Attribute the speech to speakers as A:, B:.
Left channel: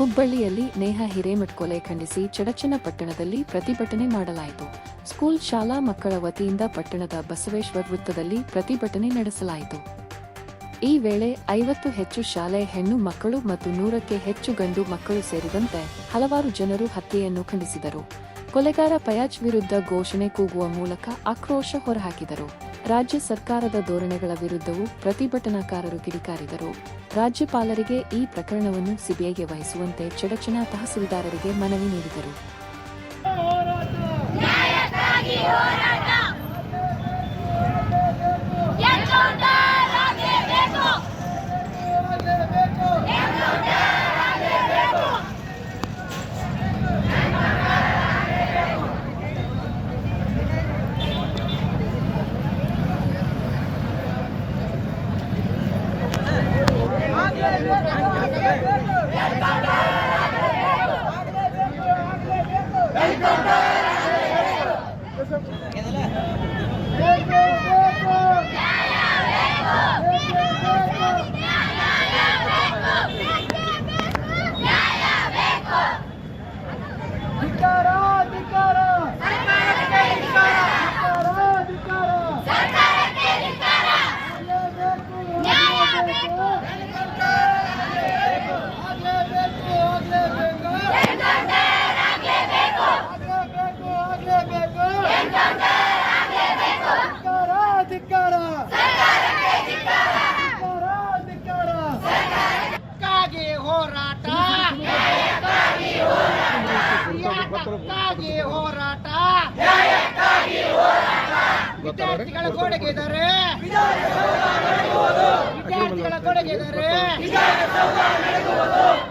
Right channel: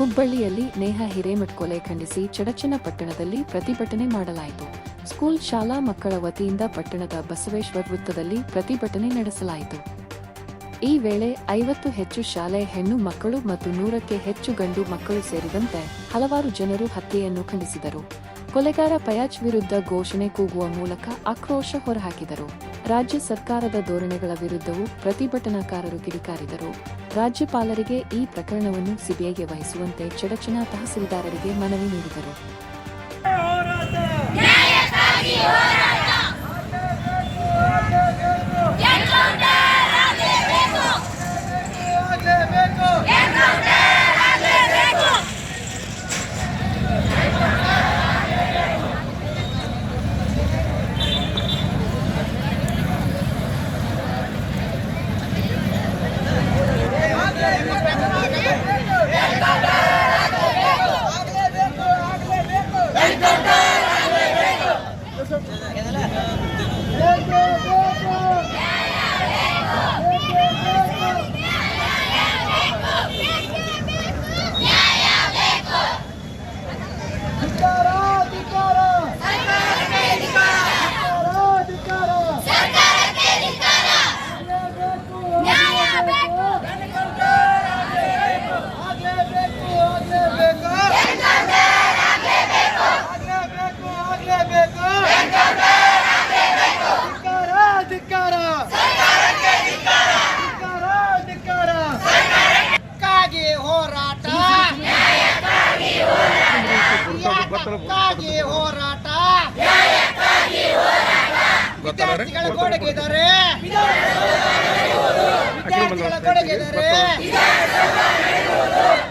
A: ಹುಬ್ಬಳ್ಳಿಯಲ್ಲಿ ನೇಹಾ ಹಿರೇಮಠ್ ಕೊಲೆ ಖಂಡಿಸಿ ಚಡಚನ ಪಟ್ಟಣದಲ್ಲಿ ಪ್ರತಿಭಟನೆ ಮಾಡಲಾಯಿತು. ಸ್ಕೂಲ್, ಶಾಲಾ ಮಕ್ಕಳ ವತಿಯಿಂದ ಪಟ್ಟಣದ ಬಸವೇಶ್ವರ ವೃತ್ತದಲ್ಲಿ ಪ್ರತಿಭಟನೆ ನಡೆಸಲಾಯಿತು. ಈ ವೇಳೆ ಐವತ್ತು ಹೆಚ್ಚು ಶಾಲೆ ಹೆಣ್ಣು ಮಕ್ಕಳು ಮತ್ತು ನೂರಕ್ಕೆ ಹೆಚ್ಚು ಗಂಡು ಮಕ್ಕಳು ಸೇರಿದಂತೆ ಹಲವಾರು ಜನರು ಹತ್ಯೆಯನ್ನು ಖಂಡಿಸಿದರು. ಕೊಲೆಗಾರ ಪಯಾಜ್ ವಿರುದ್ಧ ಘೋಷಣೆ ಕೂಗುವ ಮೂಲಕ ಆಕ್ರೋಶ ಹೊರಹಾಕಿದರು. ರಾಜ್ಯ ಸರ್ಕಾರದ ಧೋರಣೆಗಳ ವಿರುದ್ಧವೂ ಪ್ರತಿಭಟನಾಕಾರರು ಕಿಡಿಕಾರಿದರು. ರಾಜ್ಯಪಾಲರಿಗೆ ಈ ಪ್ರಕರಣವನ್ನು ಸಿಬಿಐಗೆ ವಹಿಸುವಂತೆ ಚಡಚಣ ತಹಸೀಲ್ದಾರರಿಗೆ ಮನವಿ ನೀಡಿದರು.
B: ನ್ಯಾಯಕ್ಕಾಗಿ ಹೋರಾಟ. ವಿದ್ಯಾರ್ಥಿಗಳ ಕೊಡುಗೆದರೆ. ವಿದ್ಯಾರ್ಥಿಗಳ ಕೊಡುಗೆದರೆ.